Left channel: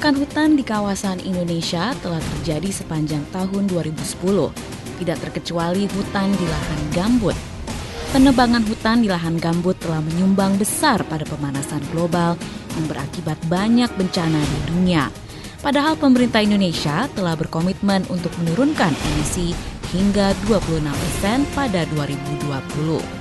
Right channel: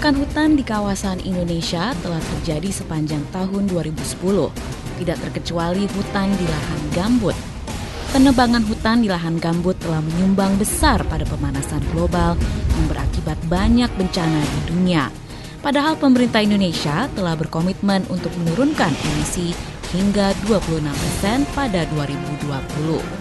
Perusakan hutan di kawasan Indonesia telah terjadi sepanjang tahun 2010, tidak terkecuali hutan di lahan gambut. Penebangan hutan di lahan gambut telah menyumbang besar pada pemanasan global yang berakibat banyak bencana di dunia. Padahal pemerintah Indonesia telah berkomitmen untuk menurunkan emisi hingga 26% pada 2020.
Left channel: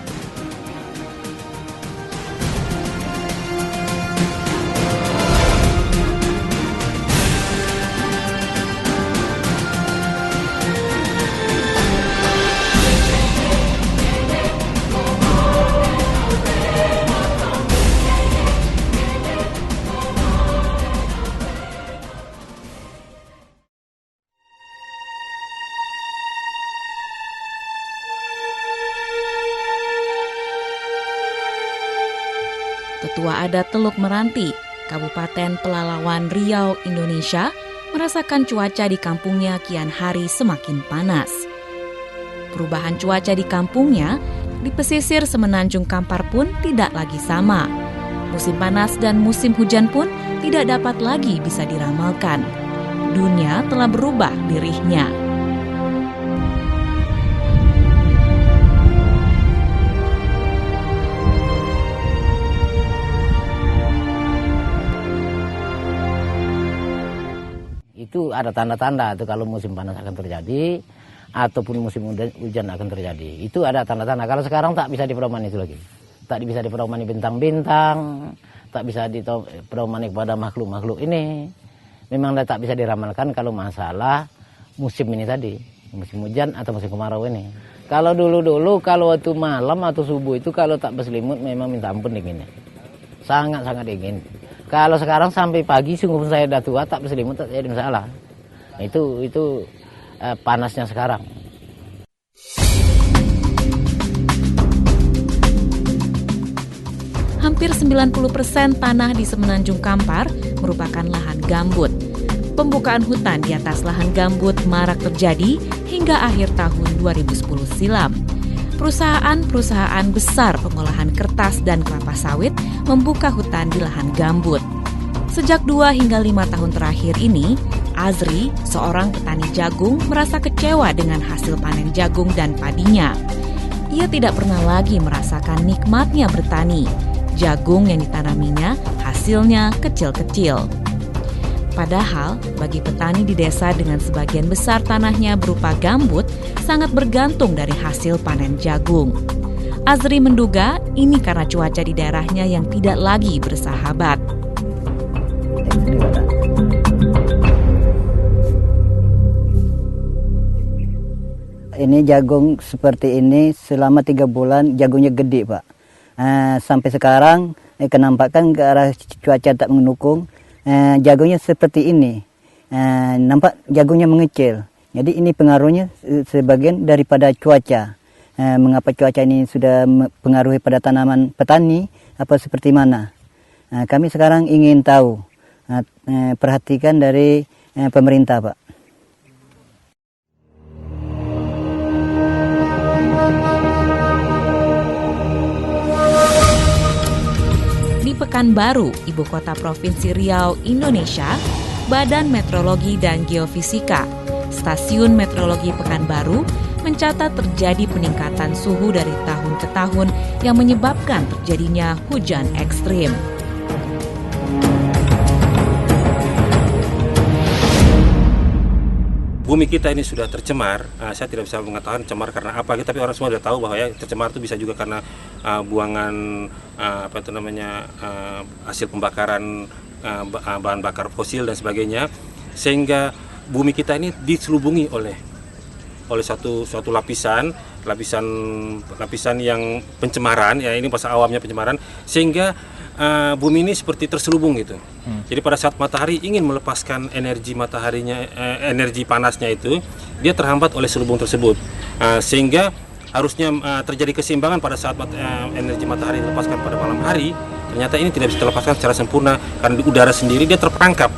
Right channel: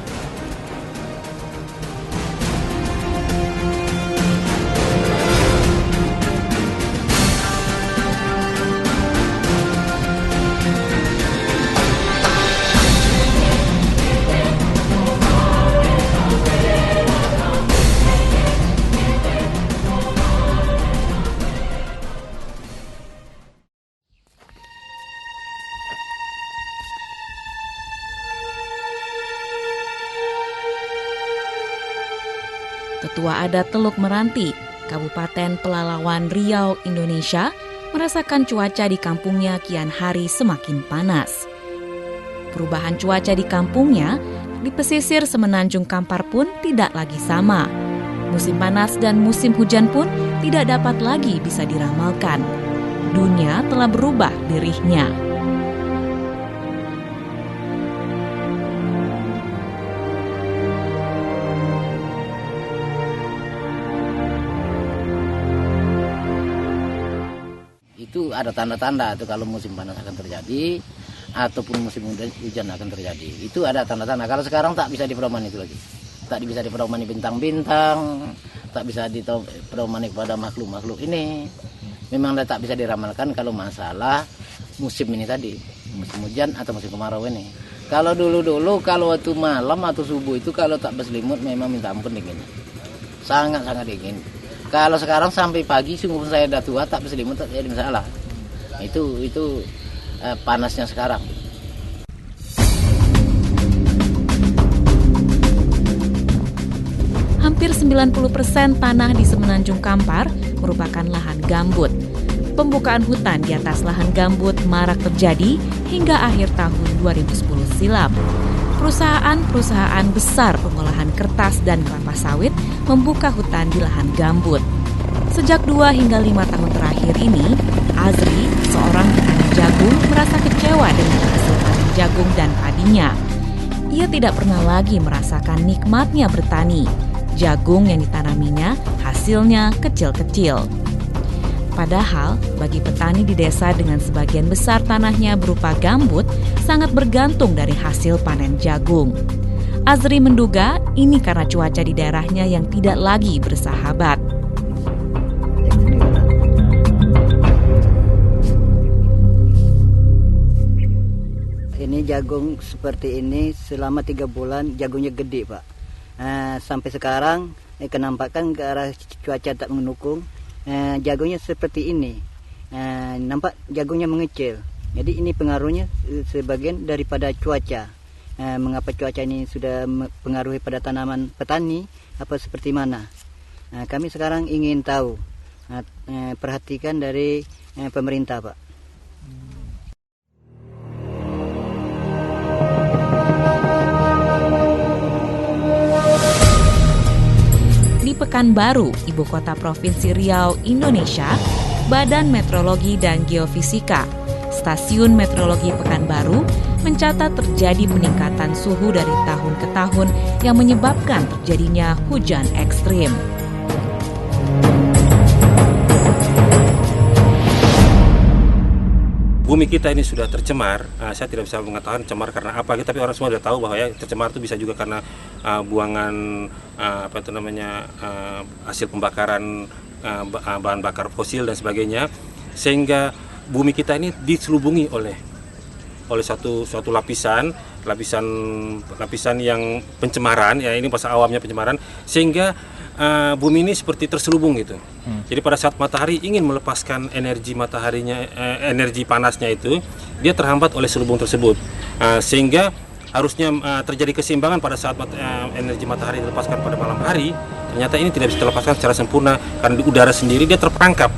Tetua Adat Teluk Meranti, Kabupaten Pelalawan Riau, Indonesia, merasakan cuaca di kampungnya kian hari semakin panas. Perubahan cuaca di kampungnya di pesisir Semenanjung Kampar pun tidak lagi sama. Musim panas dan musim hujan pun tidak dapat lagi bisa diramalkan. Dunia telah berubah lirihnya. Itu ada tanda-tanda itu kalau musim panas akan terjadi ataupun musim hujan akan terjadi. Itu ada tanda-tanda. Kalau sekarang tak bisa dipedomani itu lagi. Tak bisa dipedomani bintang-bintang, tak bisa dipedomani kepada makhluk-makhluk ini. Memang tak bisa diramalkan kalau masalah musim ini tadi, musim hujan atau musim kemarau ini. Kalau dulu-dulu kalau waktu malam atau subuh itu kalau tak berselimut memang minta ampun dinginnya. Sangat-sangat dingin. Kalau sekarang sampai pagi, sungguh saya sudah tua, tak berselimut, tak jadi masalah. Itu panasnya sekarang. Hampir 90% tanah di Semenanjung Kampar merupakan lahan gambut. Pembukaan hutan di atas lahan gambut marak terjadi hingga akhir tahun 2010 silam. Perusahaan-perusahaan besar pengolahan kertas dan kelapa sawit membuka hutan di lahan gambut. Sejak 2 hingga 5 tahun terakhir ini, Azri, seorang petani jagung, merasa kecewa dengan hasil panen jagung dan padinya. Ia tidak pernah lagi merasakan nikmatnya bertani. Jagung yang ditanaminya hasilnya kecil-kecil. Padahal, bagi petani di desa dengan sebagian besar tanahnya berupa gambut, sangat bergantung dari hasil panen jagung. Azri menduga ini karena cuaca di daerahnya yang tidak lagi bersahabat. Ini jagung seperti ini selama 3 bulan jagungnya gede, Pak. Sampai sekarang kenampakan ke arah cuaca tak mendukung. Jagungnya seperti ini, nampak jagungnya mengecil. Jadi ini pengaruhnya sebagian daripada cuaca. Mengapa cuaca ini sudah mempengaruhi pada tanaman petani, apa seperti mana? Kami sekarang ingin tahu, perhatikan dari pemerintah, Pak. Di Pekanbaru, ibu kota Provinsi Riau, Indonesia, Badan Meteorologi dan Geofisika, Stasiun Meteorologi Pekanbaru, mencatat terjadi peningkatan suhu dari tahun ke tahun yang menyebabkan terjadinya hujan ekstrim. Bumi kita ini sudah tercemar. Saya tidak bisa mengatakan cemar karena apa, tapi orang semua sudah tahu bahwa ya tercemar itu bisa juga karena buangan hasil pembakaran bahan bakar fosil dan sebagainya, sehingga bumi kita ini diselubungi oleh suatu lapisan yang pencemaran, ya ini bahasa awamnya pencemaran, sehingga bumi ini seperti terselubung gitu. Jadi pada saat matahari ingin melepaskan energi mataharinya, energi panasnya itu, dia terhambat oleh selubung tersebut, sehingga harusnya terjadi keseimbangan pada saat energi matahari dilepaskan pada malam hari. Ternyata ini tidak bisa dilepaskan secara sempurna karena di udara sendiri dia terperangkap.